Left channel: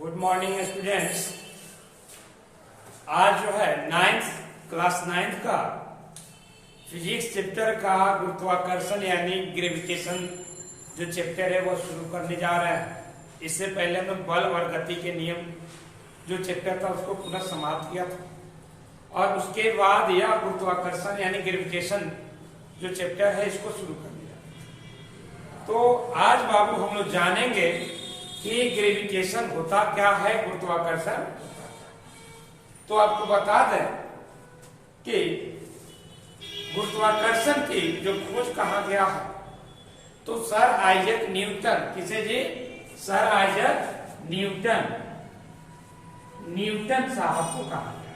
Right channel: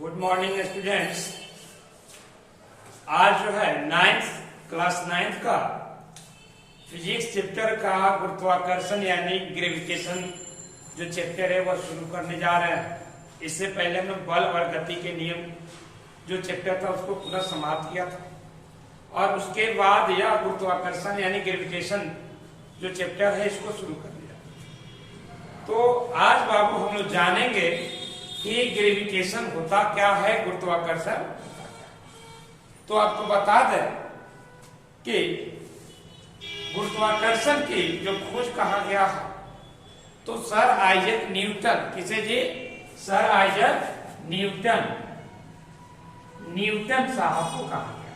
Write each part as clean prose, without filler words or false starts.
Good morning students. आज जो है क्लास 9 का फिजिक्स चैप्टर का गुरुत्वाकर्षण यानी ग्रेविटेशन जो चैप्टर है वह शुरू करने जा रहे हैं। इससे पहले मैं बल और गति के नियम जो चैप्टर था उसको पुनः समाप्त किया था और उसके बाद यह गुरुत्वाकर्षण यानी ग्रेविटेशन जो चैप्टर है इसको शुरू कर दिया। तो आज बाबू हम लोग जानेंगे कि ग्रेविटेशन होता क्या है, गुरुत्वाकर्षण। तो आपको बता दें कि गुरुत्वाकर्षण की जो खोज कहा गया है तो सर आइजैक न्यूटन, किसे जी? सर आइजैक न्यूटन साहब को कहा गया।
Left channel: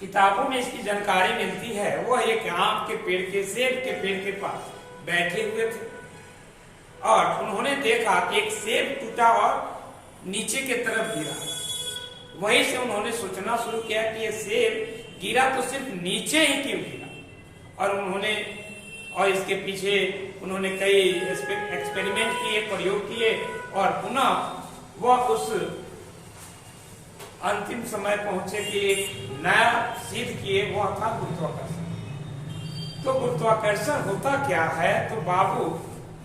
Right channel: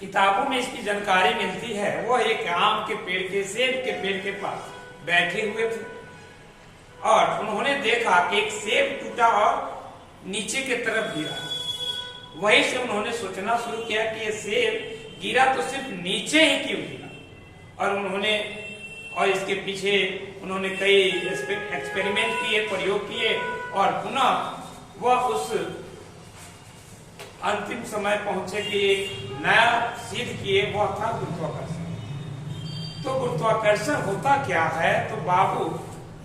किताबों में इसकी जानकारी मिलती है। वह एक आम के पेड़ के सेब के पेड़ के पास बैठे हुए थे और उन्होंने देखा कि एक सेब टूटा और नीचे की तरफ गिरा। वहीं से उन्होंने सोचना शुरू किया कि ये सेब गिरा तो सिर्फ नीचे ही क्यों गिरा, और इसके पीछे उन्होंने कई एक्सपेरिमेंट किए, प्रयोग किए और पुनः वह उस अंतिम समय पहुंचे कि एक नया सिद्ध किए, वह था गुरुत्वाकर्षण। तो गुरुत्वाकर्षण होता क्या है तो बाबू,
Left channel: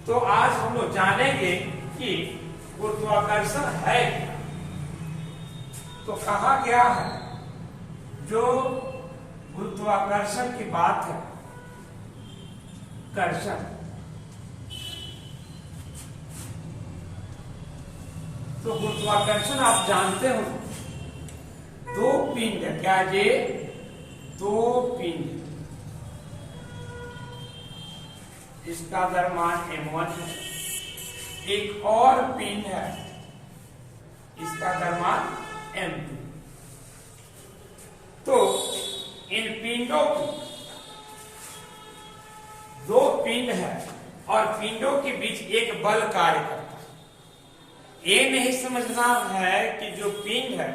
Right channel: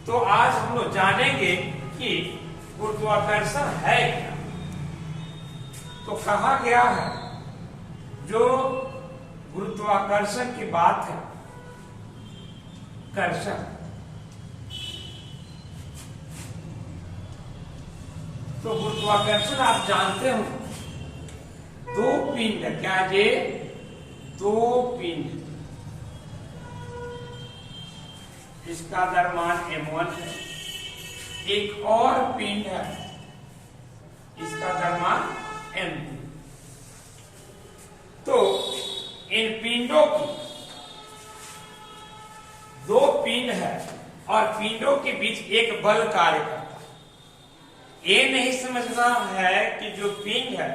तो आज हम लोग जानेंगे कि गुरुत्वाकर्षण है क्या। तो कहा गया है जो गुरुत्वाकर्षण की बात है, कर्षण, तो गुरुत्वाकर्षण आप जानते हो दो पिंड है। क्या ये? दो पिंड, इसका द्रव्यमान m1 है, एक और पिंड है इसका द्रव्यमान m2। तो इन पिंडों की दो पिंड है और पिंडों के बीच एक बल कार्य करता है। ये नहीं समझना है कि जो पिंड है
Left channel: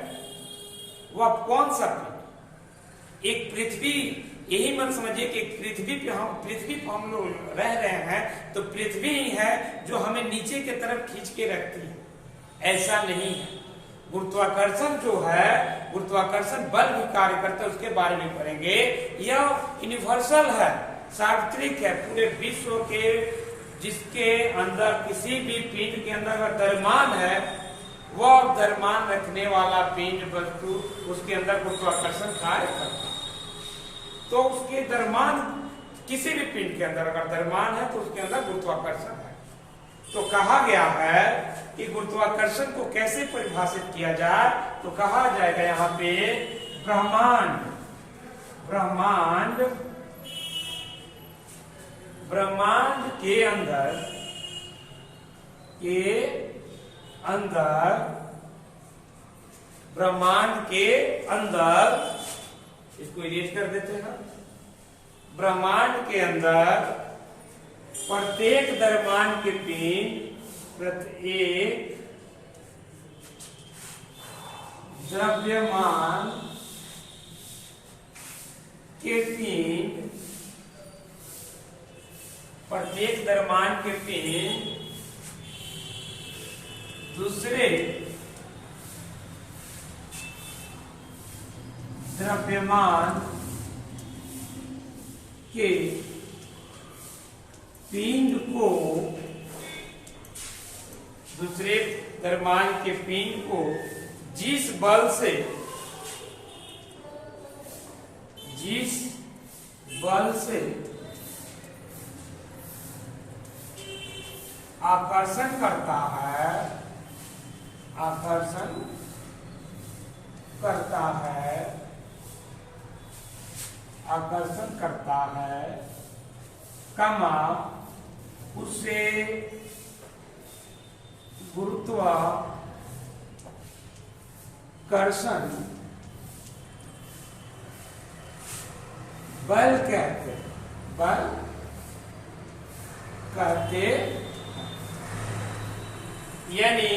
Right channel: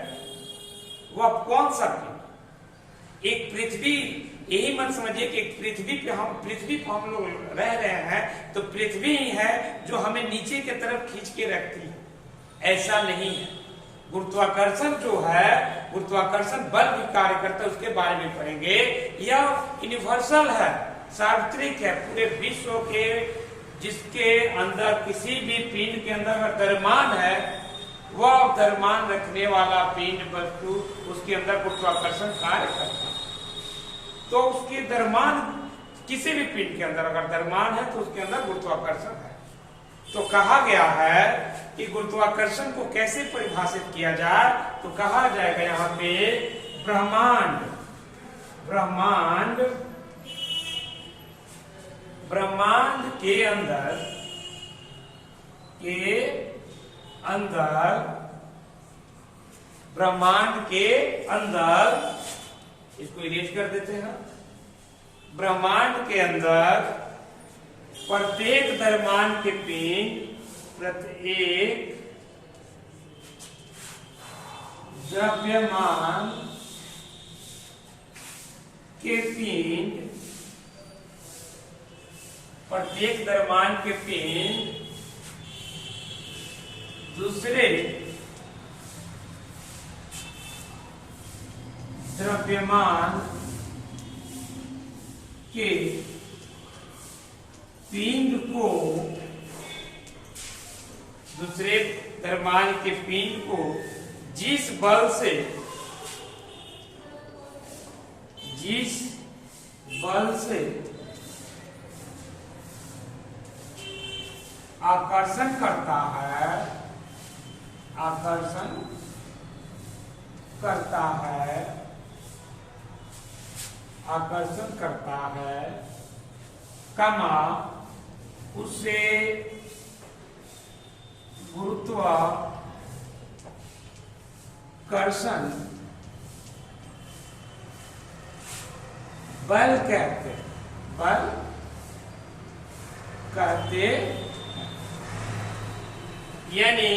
वह कौन सा पिंड, एक पृथ्वी, यही मत समझिए कि पृथ्वी पे हम लोग रह रहे हैं तो पृथ्वी ही है जो हमें नीचे की तरफ खींच के रखती है, ऐसा नहीं है। गुरुत्वाकर्षण जो है, गुरुत्वाकर्षण बल भी कार्य करता है, उसके बारे में पढ़ेंगे। यह यूनिवर्सल है, सार्वत्रिक है, पूरे विश्व के, जिसके अंदर किसी भी पिंड के अंदर अगर द्रव्यमान है, वह द्रव्यमान रखने वाला पिंड वस्तु उसके अंदर गुरुत्वाकर्षण कार्य करता है। तो उसके द्रव्यमान, किसी भी पिंड के अंदर अगर द्रव्यमान है तो उसके अंदर गुरुत्वाकर्षण है। तो कहा गया है कि गुरुत्वाकर्षण को कैसे परिभाषित किया जाए, तो कहा जाएगा यहाँ पे ब्रह्मांड के अंदर इसको इरेज कर देते हैं। ब्रह्मांड के अंदर प्रत्येक द्रव्यमान के पिंड, प्रत्येक द्रव्यमान के पिंड, प्रत्येक द्रव्यमान के पिंड दूसरे द्रव्यमान के पिंड को, दूसरे द्रव्यमान के पिंड को जिस बल से आकर्षण करता है, कमा उसे गुरुत्वाकर्षण बल कहते यानी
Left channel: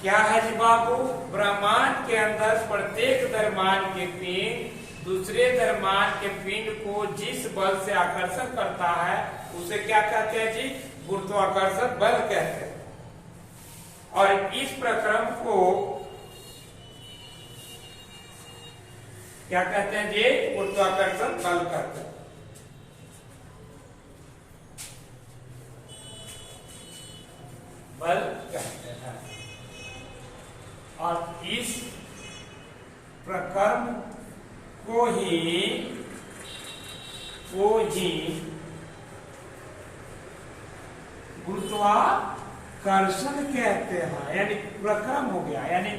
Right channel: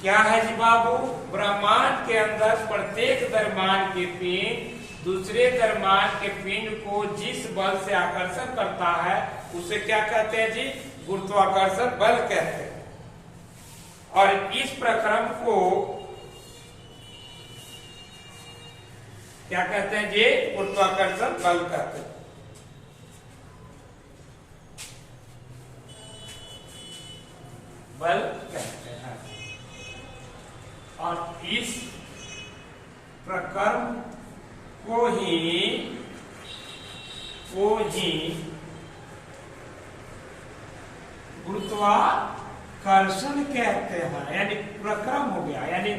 क्या है जी बाबू? ब्रह्मांड के अंदर प्रत्येक द्रव्यमान के पिंड दूसरे द्रव्यमान के पिंड को जिस बल से आकर्षण करता है उसे क्या कहते हैं जी? गुरुत्वाकर्षण बल कहते हैं। और इस प्रक्रम को क्या कहते हैं? ये गुरुत्वाकर्षण बल कहते हैं। बल कहते हैं। और इस प्रक्रम को ही गुरुत्वाकर्षण कहते हैं। यानी प्रक्रम हो गया, यानी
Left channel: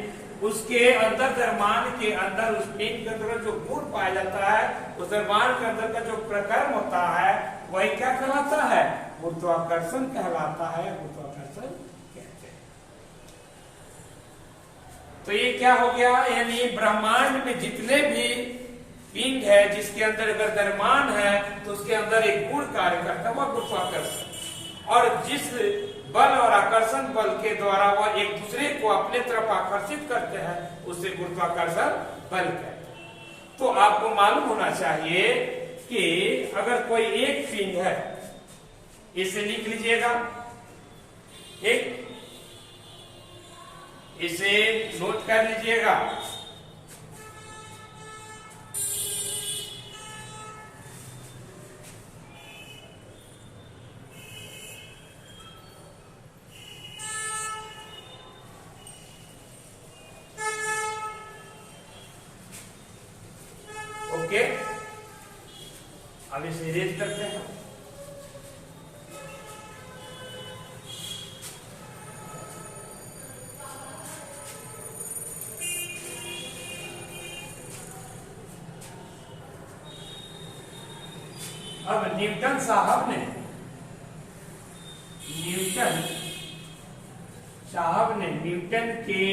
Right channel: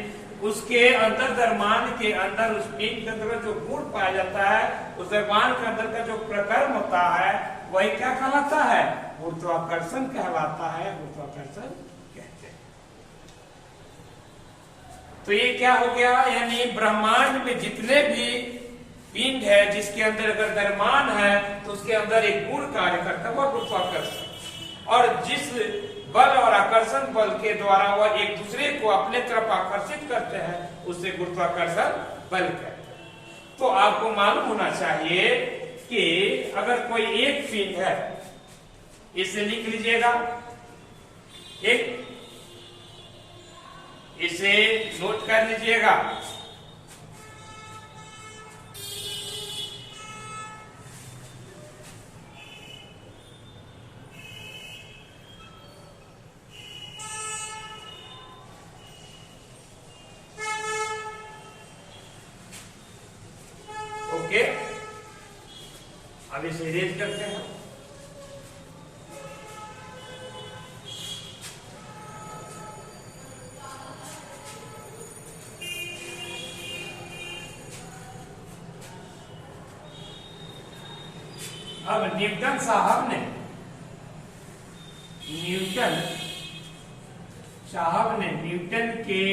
उसके अंदर द्रव्यमान के अंदर उस पिंड के अंदर जो गुण पाया जाता है, उस द्रव्यमान के अंदर का जो प्रक्रम होता है वही क्या कहलाता है? गुरुत्वाकर्षण कहलाता है, गुरुत्वाकर्षण कहते हैं। तो ये क्या हो गया? यानी ब्रह्मांड में जितने भी पिंड है जिसके अंदर अगर द्रव्यमान है तो उसके अंदर एक गुण कार्य करता है, वह गुरुत्वाकर्षण। और जिस बल और आकर्षण बल के द्वारा वह एक दूसरे को अपने तरफ आकर्षित करते हैं, उसे गुरुत्वाकर्षण बल कहते हैं। तो आपको मालूम होना चाहिए कि अगर कोई एक पिंड है, इसे लिख लीजिएगा, एक इसे नोट कर लीजिएगा। ओके, अब इसे इरेज करते हैं। अब न्यूटन साहब ने न्यूटन के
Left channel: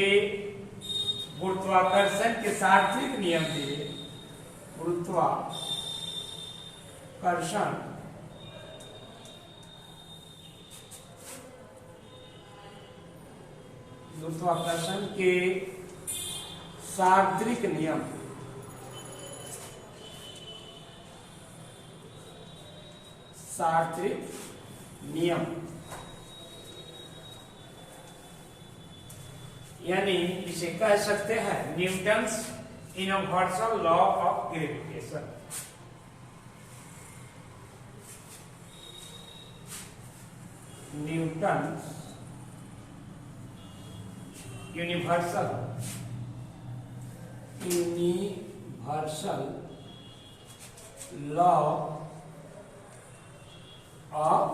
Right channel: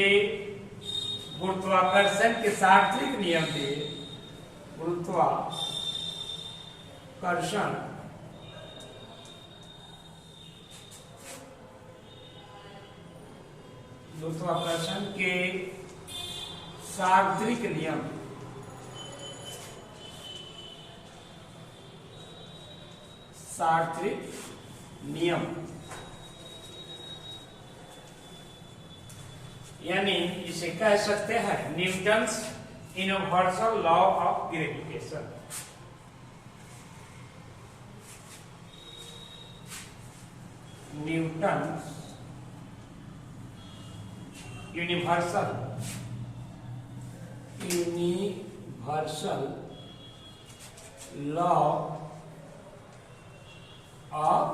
गुरुत्वाकर्षण के सार्वत्रिक नियम दिए। गुरुत्वाकर्षण के सार्वत्रिक नियम यानी इसे कह सकते हैं Newton's universal law of gravitation. Newton's universal law of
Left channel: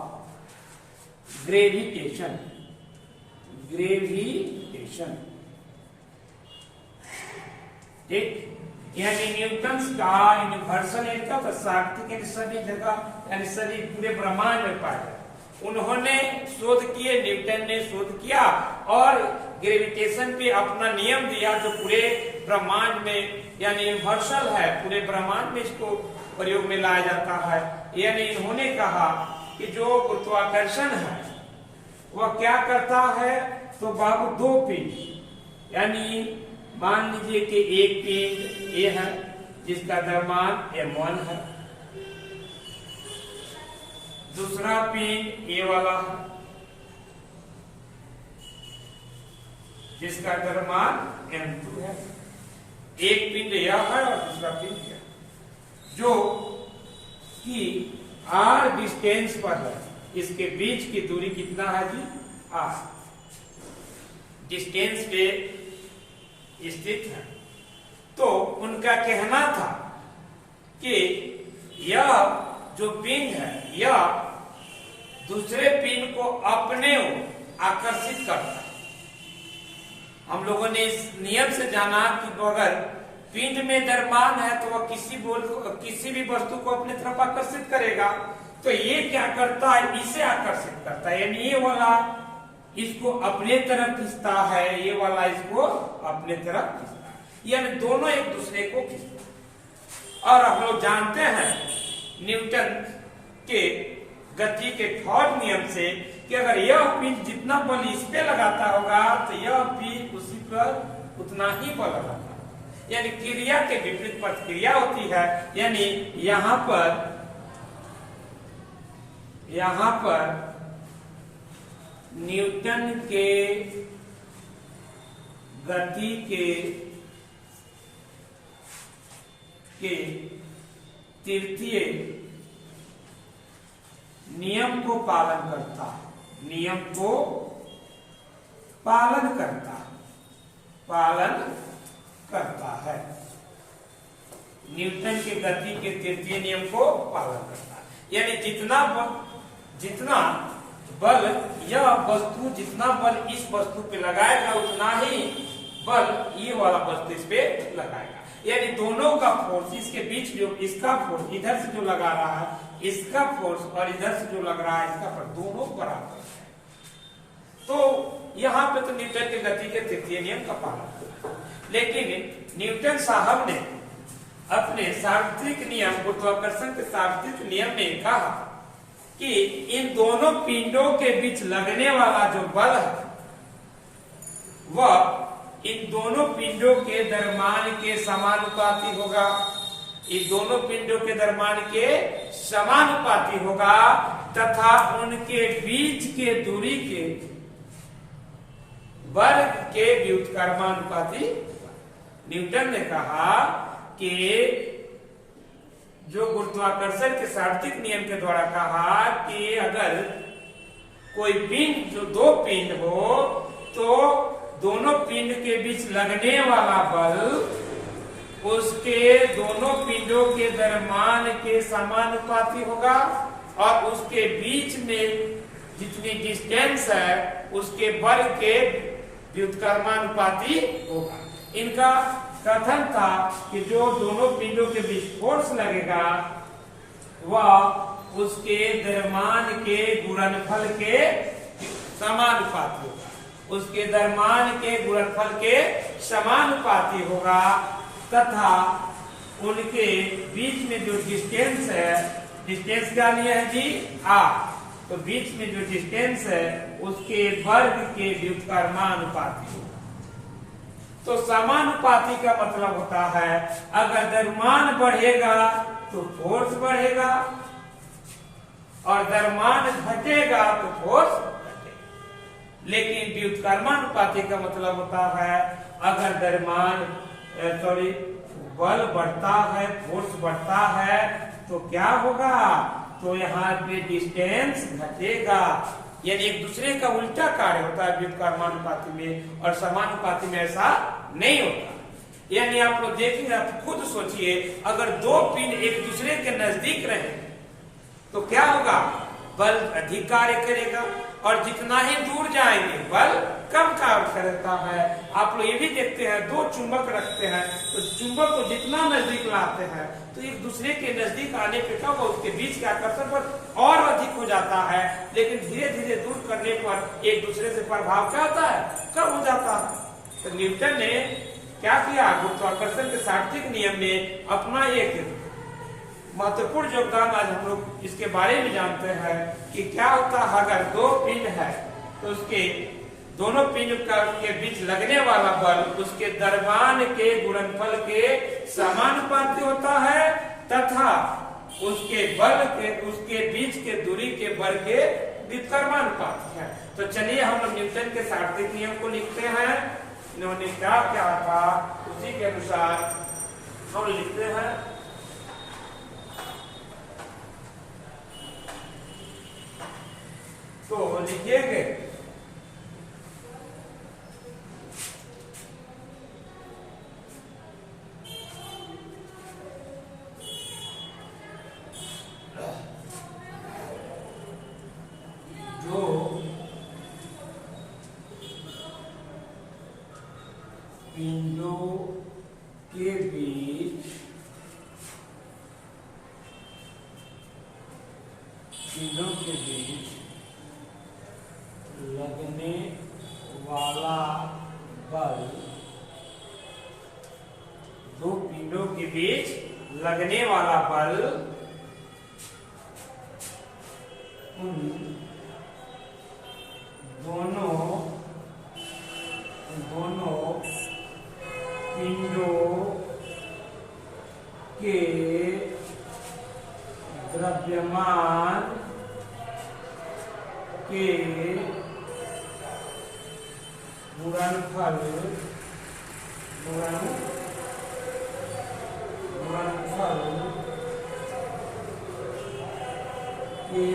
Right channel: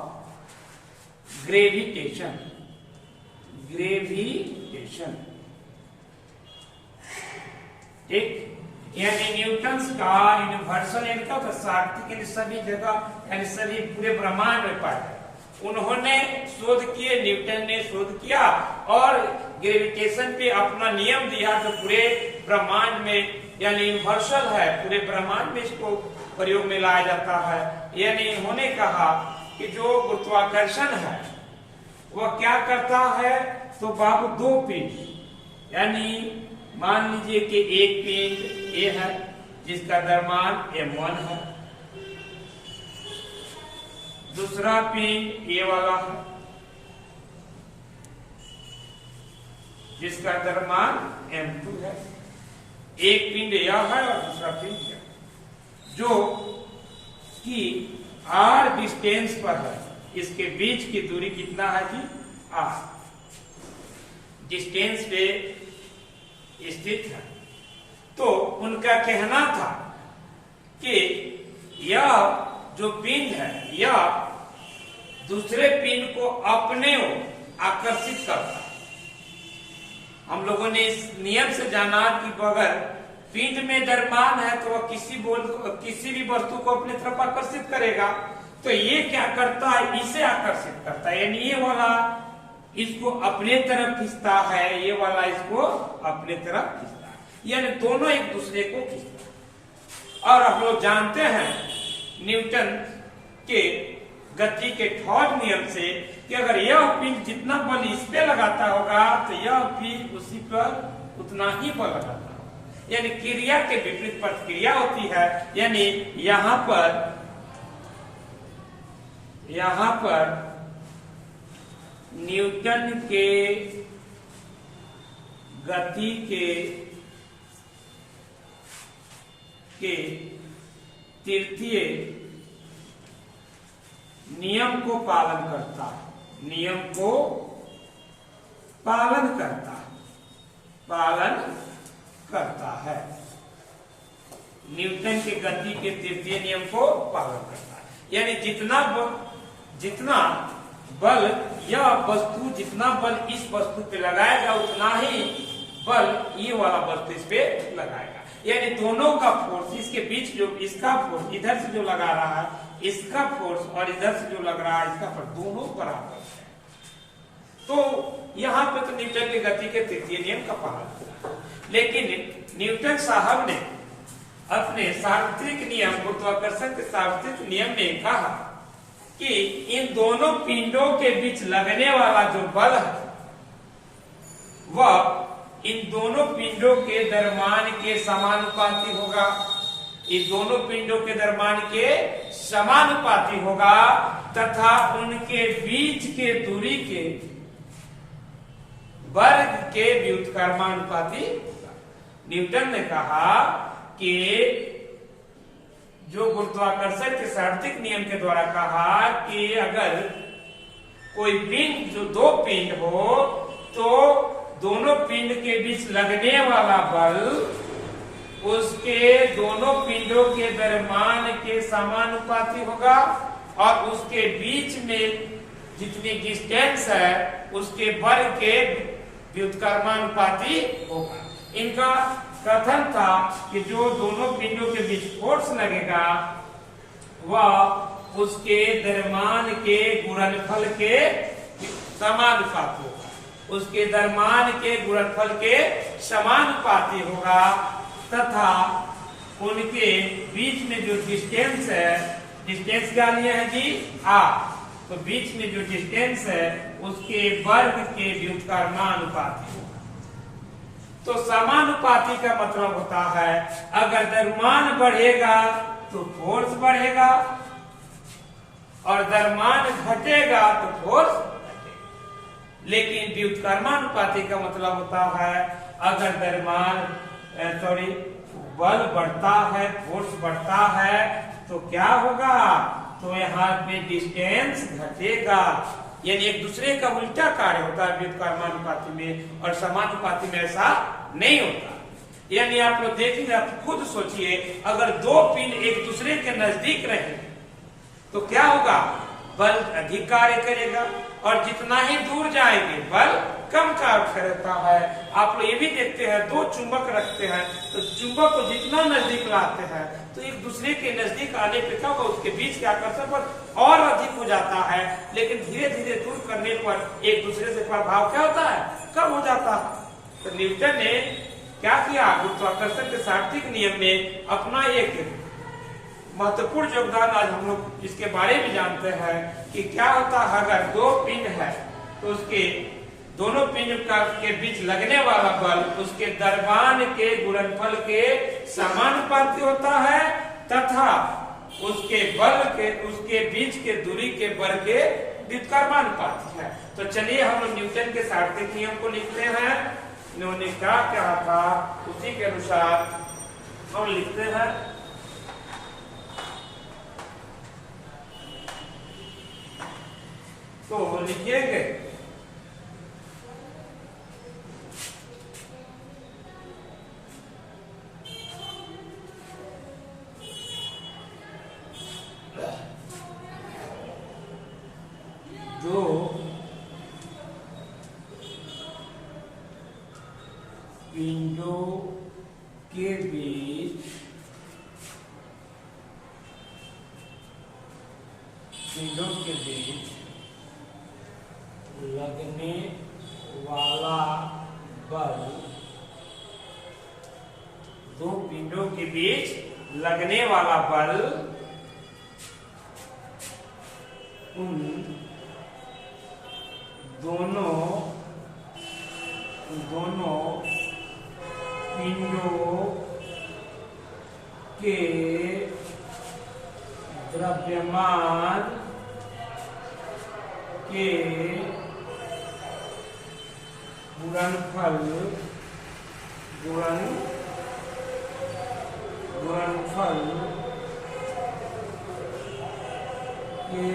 gravitation. ठीक, यानी न्यूटन्स का यूनिवर्सल यानी सार्वत्रिक यानी सभी जगह यानी सभी पूरे ब्रह्मांड में पाया है। उन्होंने शोध किए, न्यूटन ने शोध किया और ग्रेविटेशन पे अपना नियम दिया जो पूरे ब्रह्मांड में यानी यूनिवर्सल है, पूरे ब्रह्मांड में इसको प्रयोग में लाया जाता है। यानी इन्होंने कहा कि जो गुरुत्वाकर्षण है वह क्या करता है, तो बाबू दो पिंड यानी मान लीजिए कि एक पिंड ए है जिसका द्रव्यमान m1 है, दूसरा पिंड ए वाला है जिसका द्रव्यमान m2 है। एक पिंड यह है और दूसरा पिंड यह, जो कि r डिस्टेंस पर है। इसके बीच की दूरी कितना है जी? r डिस्टेंस पे स्थित है। तो उनका कहना था कि यह जो पिंड है यह दूसरे पिंड को अपने ओर आकर्षित करता है। हम लोगों ने इस नियम से जाना कि अगर पिंड में द्रव्यमान है तो वह किसी भी वस्तु को अपने तरफ आकर्षित करेगा। तो ये क्या करता है, इसे आकर्षित करता है, यानी ये वाला इसको अपने तरफ खींचता है, ये वाला इसको अपने तरफ खींचता है, यानी दोनों एक दूसरे को खींचता है। और हम लोग जानते हैं न्यूटन के गति के थर्ड नियम से कि अगर यह पिंड जितना बल इस पे लगाता होगा तो यह पिंड उसी पर उतना ही बल लगाता है, यानी क्रिया के विपरीत प्रतिक्रिया होती है। यानी यहाँ पर न्यूटन के गति के तृतीय नियम को पालन करता है, नियम को पालन करता है। न्यूटन के गति के तृतीय नियम को पालन करता है। यानी जितना बल यह वस्तु, जितना बल इस वस्तु पे लगाएगा उतना ही बल ये वाला वस्तु इस पे लगाएगा। यानी दोनों का फोर्स, इसके बीच जो इसका फोर्स इधर से जो लगा रहा है इसका फोर्स और इधर से जो लग रहा है इसका फोर्स, दोनों बराबर है। तो यहाँ पे तो न्यूटन की गति के तृतीय नियम का पालन किया, लेकिन न्यूटन साहब ने अपने सार्वत्रिक नियम, गुरुत्वाकर्षण के सार्वत्रिक नियम में कहा कि इन दोनों पिंडों के बीच लगने वाला जो बल है वह इन दोनों पिंडों के द्रव्यमान के समानुपाती होगा, इन दोनों पिंडों के द्रव्यमान के समानुपाती होगा तथा उनके बीच के दूरी के वर्ग के व्युत्क्रमानुपाती। न्यूटन ने कहा कि जो गुरुत्वाकर्षण के सार्वत्रिक नियम के द्वारा कहा कि अगर कोई पिंड, जो दो पिंड हो तो दोनों पिंड के बीच लगने वाला बल उसके दोनों पिंडों के द्रव्यमान के समानुपाती होगा और उसके बीच में जितनी डिस्टेंस है उसके बल के व्युत्क्रमानुपाती होगा। इनका कथन था कि जो दोनों पिंडों के बीच फोर्स लगेगा वह उसके द्रव्यमान के गुणनफल के समानुपाती होगा, उसके द्रव्यमान के गुणनफल के समानुपाती होगा तथा उनके बीच में जो डिस्टेंस है, डिस्टेंस क्या लिया है जी, r, तो बीच में जो डिस्टेंस है उसके वर्ग के व्युत्क्रमानुपाती होगा। तो समानुपाती का मतलब होता है अगर द्रव्यमान बढ़ेगा तो फोर्स बढ़ेगा और द्रव्यमान घटेगा तो फोर्स घटेगा, लेकिन व्युत्क्रमानुपाती का मतलब होता है अगर द्रव्यमान बल बढ़ता है, फोर्स बढ़ता है तो क्या होगा, तो यहाँ पे डिस्टेंस घटेगा। यानी एक दूसरे का उल्टा कार्य होता है व्युत्क्रमानुपाती में और समानुपाती में ऐसा नहीं होता। यानी आप लोग देखेंगे, आप खुद सोचिए अगर दो पिंड एक दूसरे के नजदीक रहे तो क्या होगा, बल अधिक कार्य करेगा और जितना ही दूर जाएंगे बल कम कार्य करता है। आप लोग ये भी देखते हैं दो चुंबक रखते हैं तो चुंबक को जितना नजदीक लाते हैं तो एक दूसरे के नजदीक आने पे क्या होगा, उसके बीच के आकर्षण पर और अधिक हो जाता है, लेकिन धीरे धीरे दूर करने पर एक दूसरे से प्रभाव क्या होता है, कम हो जाता है। तो न्यूटन ने क्या किया, गुरुत्वाकर्षण के सार्वत्रिक नियम में अपना एक महत्वपूर्ण योगदान आज हम लोग इसके बारे में जानते हैं कि क्या होता है अगर दो पिंड है तो उसके दोनों पिंड के बीच लगने वाला बल उसके द्रव्यमान के गुणनफल के समानुपाती होता है तथा उसके बल के उसके बीच के दूरी के बल के व्युत्क्रमानुपाती है। तो चलिए हम न्यूटन के सार्वत्रिक नियम को लिखते हैं। इन्होंने क्या कहा था उसी के अनुसार हम लिखते हैं। तो लिखिएगा जो पिंडों के बीच लगने वाला बल, दो पिंडों के बीच लगने वाला बल उन दोनों पिंडों के द्रव्यमान के गुणनफल गुणनफल के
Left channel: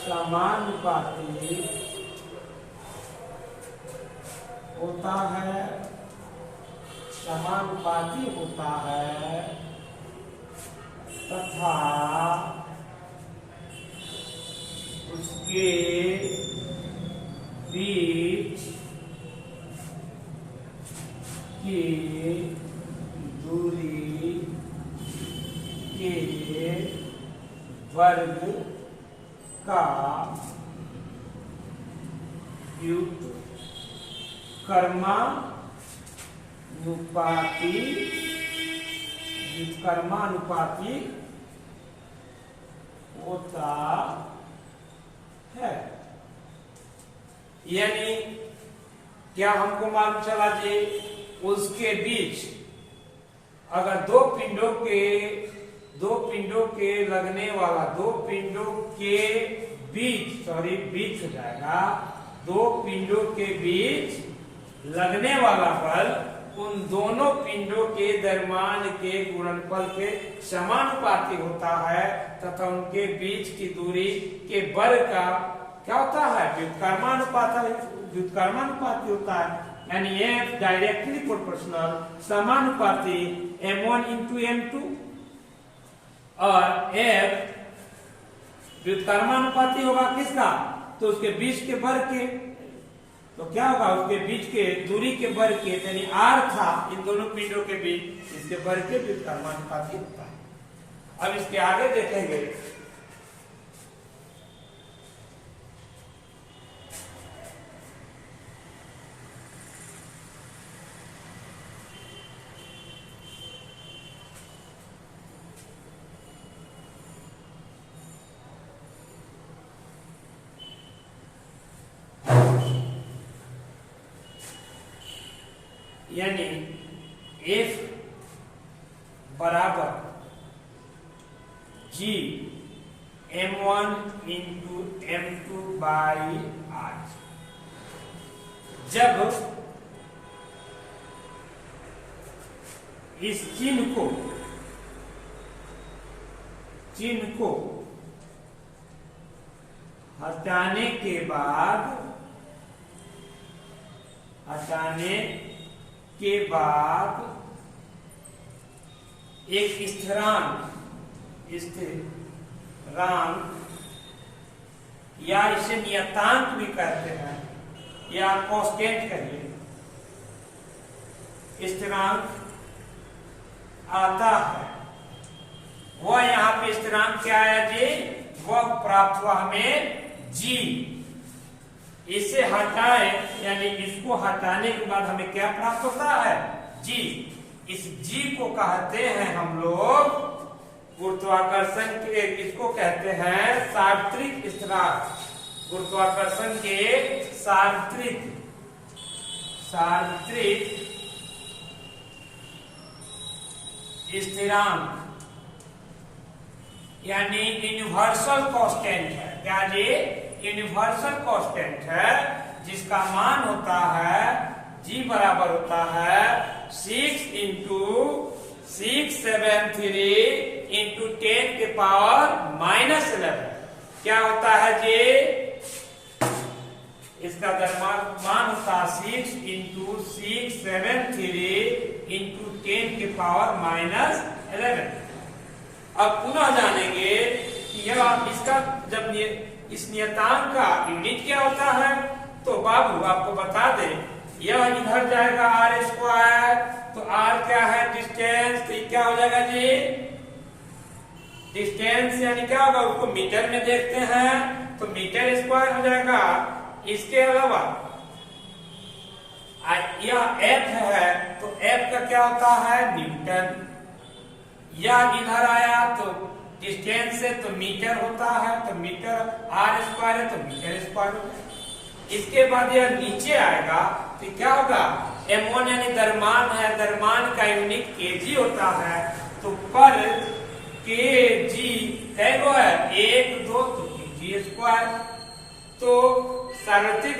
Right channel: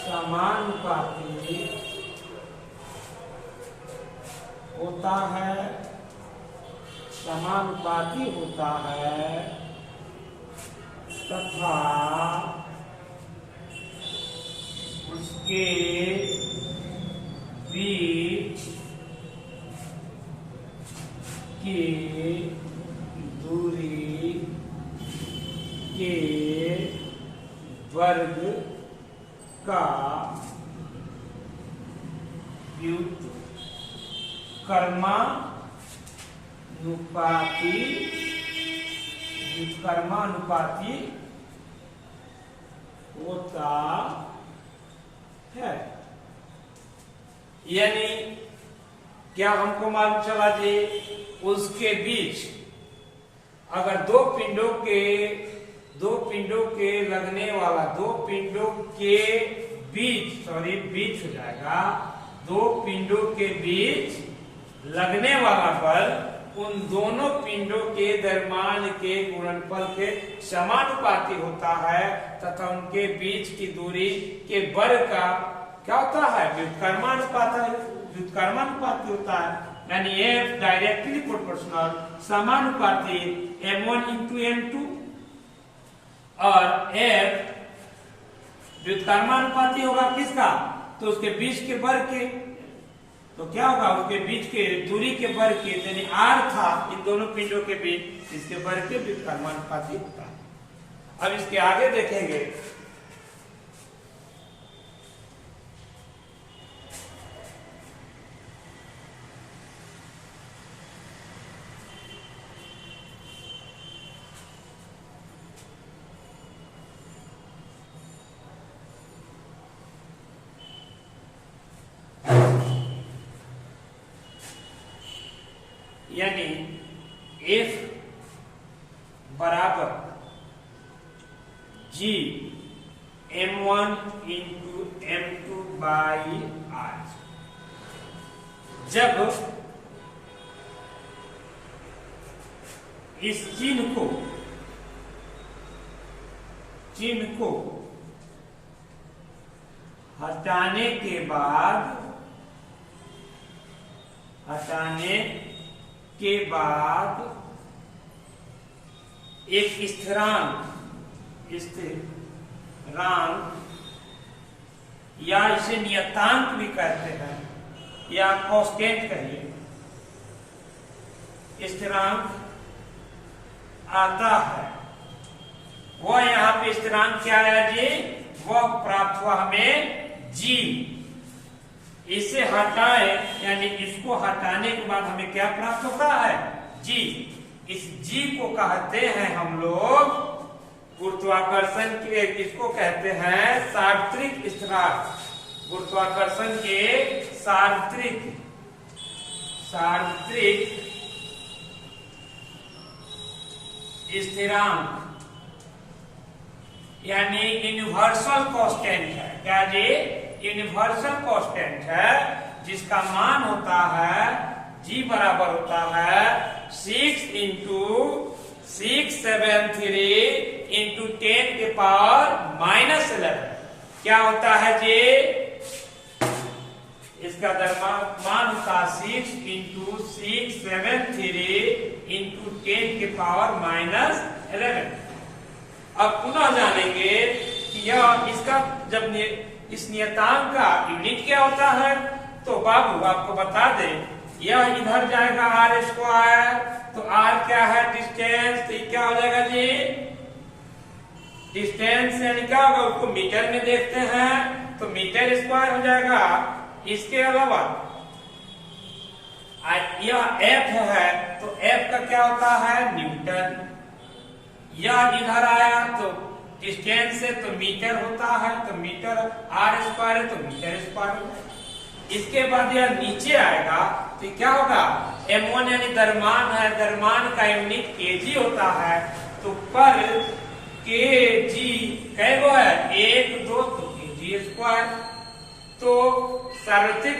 समानुपाती होता है, समानुपाती होता है तथा उसके बीच की दूरी के वर्ग का व्युत्क्रमानुपाती होता है। यानी क्या हमको मालूम चला जी, उसके बीच अगर दो पिंडों के लगने वाला, दो पिंडों के बीच, सॉरी बीच हो जाएगा, दो पिंडों के बीच लगने वाला बल उन दोनों पिंडों के दरम्यान के गुणनफल के समानुपाती होता है तथा उनके बीच की दूरी के वर्ग का क्या होता है, व्युत्क्रमानुपाती होता है। यानी F डायरेक्टली प्रोपोर्शनल समानुपाती M1 into M2 और F व्युत्क्रमानुपाती होगा किसका, तो उसके बीच के वर्ग के। तो क्या होगा, उसके बीच के दूरी के वर्ग के, यानी R था इन दोनों पिंडों के बीच, इसके वर्ग के व्युत्क्रमानुपाती होता है। अब इसके आगे देखेंगे यानी F बराबर G M1 into M2 by R। जब इस चिन्ह को हटाने के बाद एक स्थिरांक या इसे नियतांक भी कहते हैं या कांस्टेंट कहिए, स्थिरांक आता है। वह यहाँ पे स्थिरांक क्या आया जी, वह प्राप्त हुआ हमें G। इसे हटाए यानी इसको हटाने के बाद हमें क्या प्राप्त होता है, G। इस G को कहते हैं हम लोग गुरुत्वाकर्षण के, इसको कहते हैं सार्वत्रिक स्थिरांक, गुरुत्वाकर्षण के सार्वत्रिक स्थिरांक यानी यूनिवर्सल कांस्टेंट है। क्या जी, यूनिवर्सल कांस्टेंट है जिसका मान होता है G बराबर होता है 6 into 673 into 10 के पावर -11। क्या होता है जी, इसका मान होता है 6 into 673 into 10 के पावर -11। अब पुनः जानेंगे कि यह इसका जब इस नियतांक का यूनिट क्या होता है, तो बाबू आपको बता दें, यह इधर जाएगा R स्क्वायर, तो R क्या है, डिस्टेंस, तो क्या हो जाएगा जी, डिस्टेंस यानी क्या होगा, उसको मीटर में देखते हैं तो मीटर स्क्वायर हो जाएगा। इसके अलावा यह F है तो F का क्या होता है, न्यूटन। यह इधर आया तो डिस्टेंस है तो मीटर होता है, तो मीटर R स्क्वायर है तो मीटर स्क्वायर होगा। इसके बाद यह नीचे आएगा तो क्या होगा, M1 यानी द्रव्यमान है, द्रव्यमान का यूनिट kg होता है, तो पर kg कैगो है 1 2 तो kg स्क्वायर। तो सार्वत्रिक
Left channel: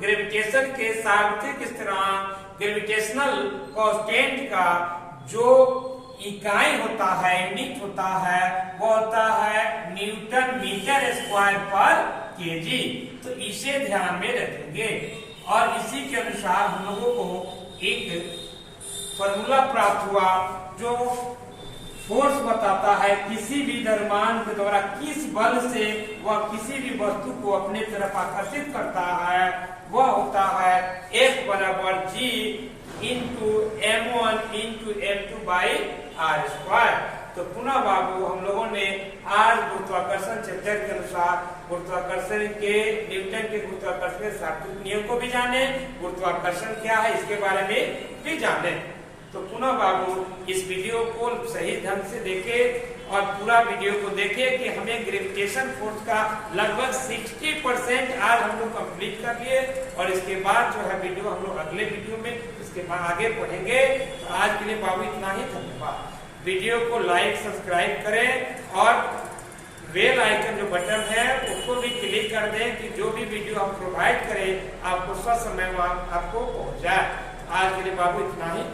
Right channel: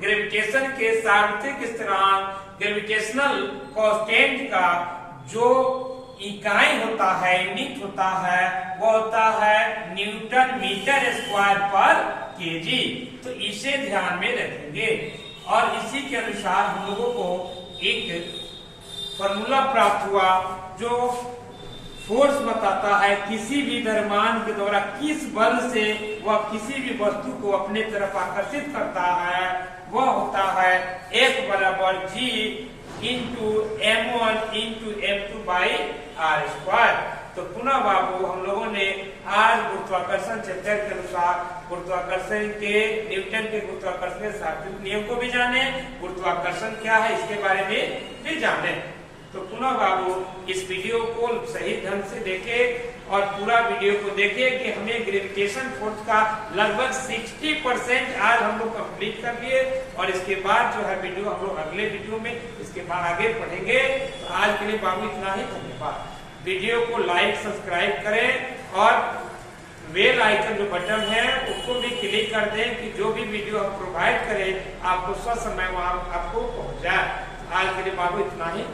ग्रेविटेशन के सार्वत्रिक स्थिरांक ग्रेविटेशनल कांस्टेंट का जो इकाई होता है, यूनिट होता है, वो होता है न्यूटन मीटर स्क्वायर पर केजी। तो इसे ध्यान में रखेंगे और इसी के अनुसार हम लोगों को एक फॉर्मूला प्राप्त हुआ जो फोर्स बताता है किसी भी द्रव्यमान के द्वारा किस बल से वह किसी भी वस्तु को अपने तरफ आकर्षित करता है, वह होता है F बराबर G into M1 into M2 by R square. तो पुनः बाबू हम लोगों ने आज गुरुत्वाकर्षण चैप्टर के अनुसार गुरुत्वाकर्षण के न्यूटन के गुरुत्वाकर्षण के शास्त्रीय नियम को भी जाने, गुरुत्वाकर्षण क्या है इसके बारे में भी जाने। तो पुनः बाबू इस वीडियो को सही ढंग से देखें और पूरा वीडियो को देखें कि हमें ग्रेविटेशन फोर्स का लगभग 60% आज हम लोग कंप्लीट कर लिए और इसके बाद जो है वीडियो हम लोग अगले वीडियो में इसके बाद आगे पढ़ेंगे। तो आज के लिए बाबू इतना ही, धन्यवाद। वीडियो को लाइक सब्सक्राइब करें और बेल आइकन जो बटन है उसको भी क्लिक कर दें कि जो भी वीडियो हम प्रोवाइड करें आपको ससमय आपको पहुंच जाए। आज के लिए बाबू इतना ही।